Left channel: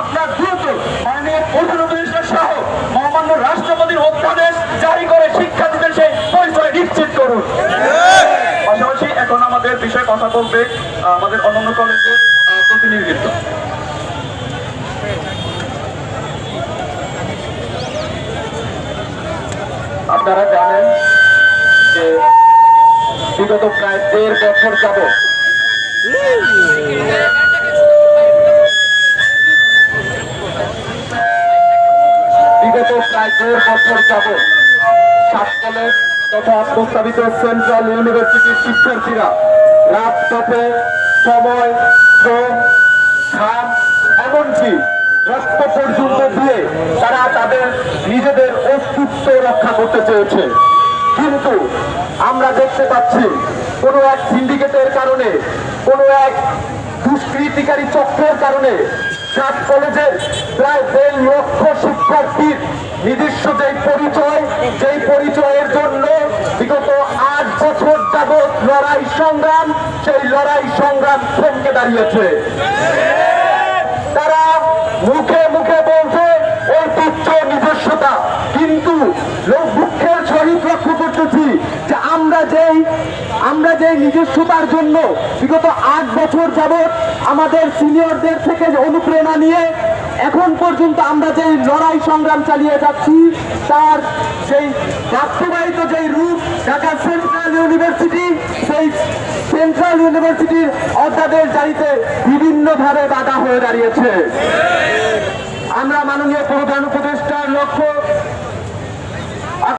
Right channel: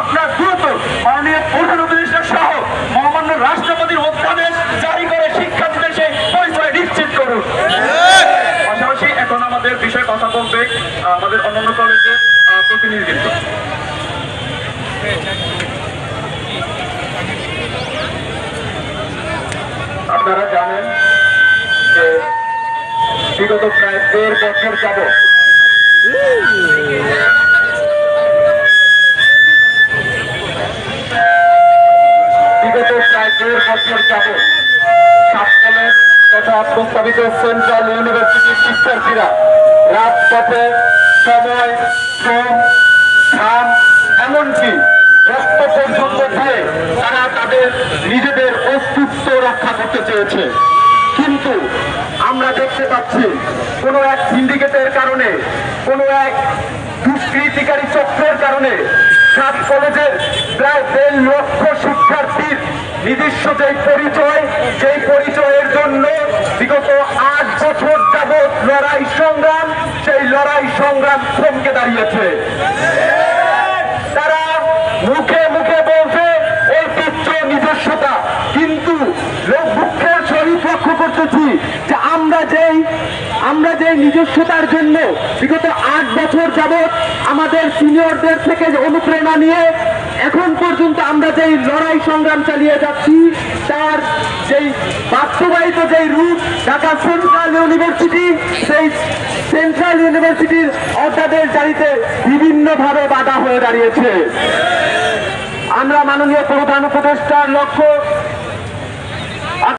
আপনার দ্রুত মাননীয় প্রধান উপদেষ্টা সহ মহামান্য রাষ্ট্রপতির অধ্যাদেশ জারি করে শিক্ষার্থীদের সেই পরিচয় নিশ্চিত করুন। পাশাপাশি এখন আমাদের বিষয়ে কথা বলবে আমাদের অন্যান্য কলেজের প্রতিনিধিত্ব। আপনারা জানেন যে বিগত প্রায় 1.5 বছর যাবত সাত কলেজ তথা প্রস্তাবিত সেন্ট্রাল ইউনিভার্সিটির শিক্ষার্থীরা রাজপথে সময়, শ্রম, ঘাম, এমনকি রক্ত পর্যন্ত দিয়ে তারা তাদের নিজেদের অস্তিত্ব রক্ষা করতে চেয়েছে। কিন্তু আমরা দেখতে পাচ্ছি কোনো এক সিন্ডিকেটের কারণে, কোনো এক দুষ্কৃতিকারী চক্রের কারণে সাত কলেজের প্রায় 1.5 লক্ষ শিক্ষার্থীর নিজস্ব যেই পরিচয়ের জন্য বিগত 8 বছর যাবৎ লড়াই সংগ্রাম, সেই লড়াই সংগ্রাম থমকে দাঁড়িয়েছে। তারা মুখে মুখে বলছে ঐতিহ্য, নিজস্বতা, কিন্তু দুঃখের সহিত লক্ষ্য করতেছি যে আমরা যেই নিজস্বতার জন্য বিগত 8 বছর যাবৎ আমাদের সিনিয়রদের থেকে অনুপ্রেরণা নিয়ে এখন পর্যন্ত আমরা যেই লড়াই সংগ্রাম চালিয়ে যাচ্ছি, তার যেই বাস্তবায়িত যেই রূপ ঢাকা সেন্ট্রাল ইউনিভার্সিটি, সেই সেন্ট্রাল ইউনিভার্সিটির অধ্যাদেশ জারিতে বিভিন্নভাবে বাধা হয়ে দাঁড়িয়েছে। আমরা মাননীয় প্রধান উপদেষ্টার লক্ষ্য